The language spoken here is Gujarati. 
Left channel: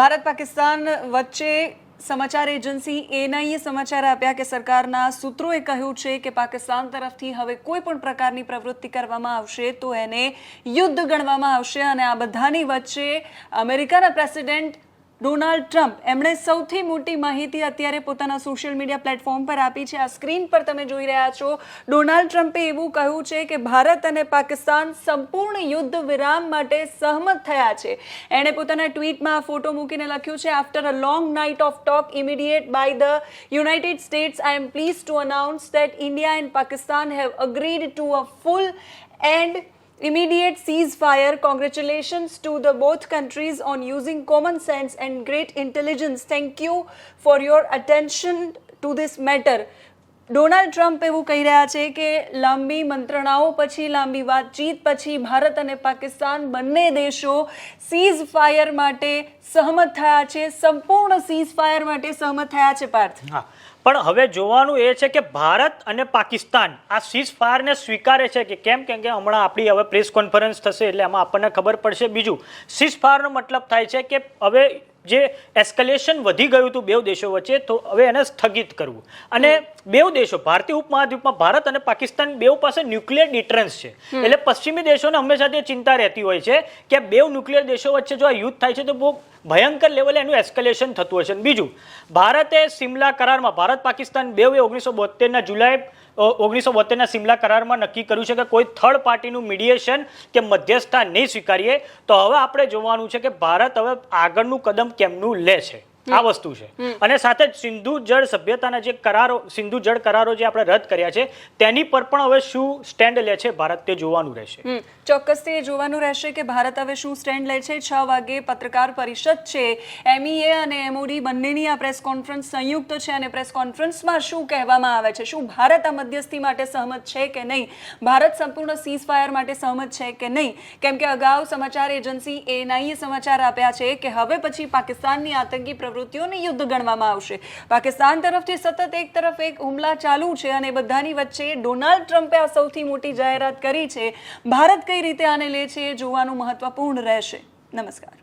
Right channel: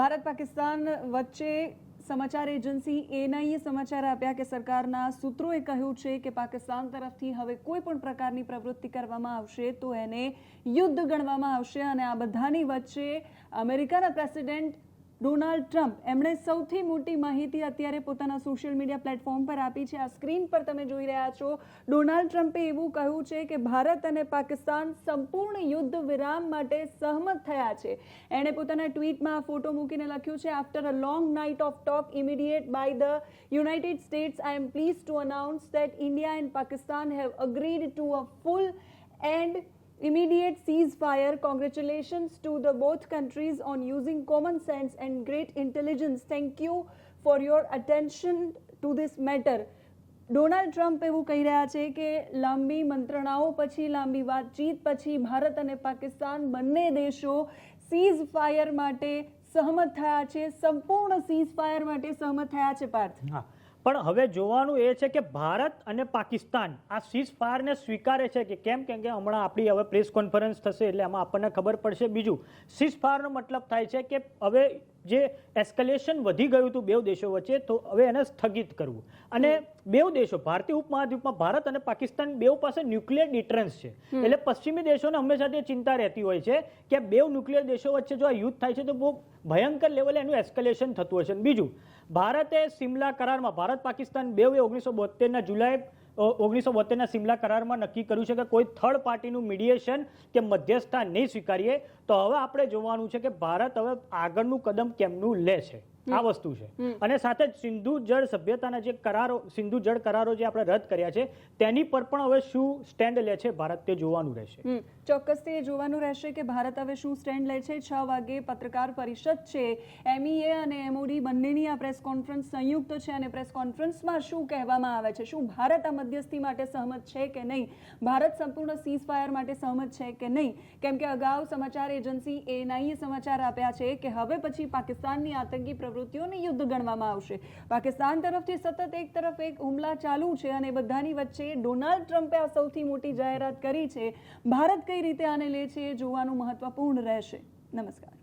ભારત પાકિસ્તાન વચ્ચે સમાચાર એજન્સી એએનઆઈએ સમાચાર આપ્યા કે સરકારના સૂત્રોએ કહ્યું છે કે પાકિસ્તાન તરફથી હવે કોઈ પણ પ્રકારની પ્રવૃત્તિ કરવામાં આવશે તો એને યુદ્ધ ગણવામાં આવશે। અને આ બધાની વચ્ચે અમેરિકાના પ્રેસિડેન્ટ ડોનાલ્ડ ટ્રમ્પ એમણે સૌથી મોટી માહિતી અત્યારે પોતાના સોશિયલ મીડિયા પ્લેટફોર્મ પર આપી છે। આ સ્ક્રીન પર તમે જોઈ રહ્યા છો। ડોનાલ્ડ ટ્રમ્પે એવું કહ્યું છે કે ભારત અને પાકિસ્તાન સંપૂર્ણ યુદ્ધ વિરામ માટે સહમત થયા છે। એણે પોતાના ટ્વીટમાં આ ફોટો મૂકીને લખ્યું છે, after a long night of talk immediate by the United States, I am please to announce that India and Pakistan have agreed to a full and immediate ceasefire. Congratulations to the both countries on using common sense and great intelligence. Thank you for your attention to this matter. Donald Trump એવું કહી રહ્યા છે કે લાંબી મંત્રણાઓ પછી, લાંબી વાતચીત પછી ભારત અને પાકિસ્તાન બંને દેશો સીઝ ફાયર માટે સહમત થયા છે, સંપૂર્ણ સીઝ ફાયર માટે સહમત થયા છે। પાર્થ, પણ હવે જોવાનું એ છે કે ભારત અને પાકિસ્તાન આ સીઝ ફાયરને સ્વીકારે છે કે કેમ, કેમ કે હમણાં આપણી હવે પ્રેસ કોન્ફરન્સ થશે એટલે આમાં આપણને ખબર પડશે। બીજું, સીઝ ફાયરનો મતલબ થાય છે કે હવે જે એસ્કેલેશન વધી ગયું હતું બે દેશો વચ્ચે, તો હવે એને સ્થગિત કરવું। અને બે દેશો ભારતીય ઉપમહાદ્વીપમાં ભારત અને પાકિસ્તાન બે પાસે ન્યુક્લિયર ડિટરન્સ છે, એટલે પશ્ચિમી દેશોને હંમેશા તે ચિંતા રહેતી હોય છે કે બે ન્યુક્લિયર દેશો વચ્ચે જો આ યુદ્ધ થાય છે તો બહુ ભયંકર લેવલે એનું એસ્કેલેશન થતું હશે। બીજું, ભારતે સિમલા કરારમાં, ભારત પાકિસ્તાન બે 1972ના જુલાઈ 1972ના સિમલા કરારમાં નક્કી કર્યું છે કે કોઈ થર્ડ પાર્ટીનું મીડિયેશન કે મધ્યસ્થતા નહીં સ્વીકારીએ। તો હવે આપણે જોવાનું છે કે ભારત હવે આગળનું કદમ કેમનું લે છે, આ વસ્તુ છે। અને સાથે જ સિંધુ જળ સભ્યતાના જે કરારો, સિંધુ જળ કરારો જે આપણે રદ કર્યા છે તેની પર પણ હવે શું સ્ટેન્ડ લે છે ભારત, તે જોવાનું રહેશે। ચોક્કસથી એ જોવાનું રહેશે કે ભારત હવે શું સ્ટેન્ડ લે છે। 6 વાગે પત્રકાર પરિષદ છે, MEA અને MOD બંનેની આ પ્રેસ કોન્ફરન્સ સંયુક્ત છે અને પ્રેસ કોન્ફરન્સમાં શું કહેવામાં આવે છે, શું ભારત આ મધ્યસ્થી માટે સહમત છે કે નહીં, ભારત સંપૂર્ણ સીઝ ફાયર માટે સહમત છે કે નહીં। કેમ કે અગાઉ સમાચાર એજન્સી એએનઆઈએ સમાચાર આપ્યા છે કે હવે પછી પાકિસ્તાનની આતંકી પ્રવૃત્તિઓને યુદ્ધ ગણવામાં આવશે। પાકિસ્તાન તરફથી સતત એક તરફ એક હુમલા ચાલુ છે અને બધાની વચ્ચે ડોનાલ્ડ ટ્રમ્પે આ સૌથી મોટી જાહેરાત કરી છે। ભારત કઈ રીતે આને લે છે એ જોવાનું મહત્વપૂર્ણ રહેશે। નમસ્કાર।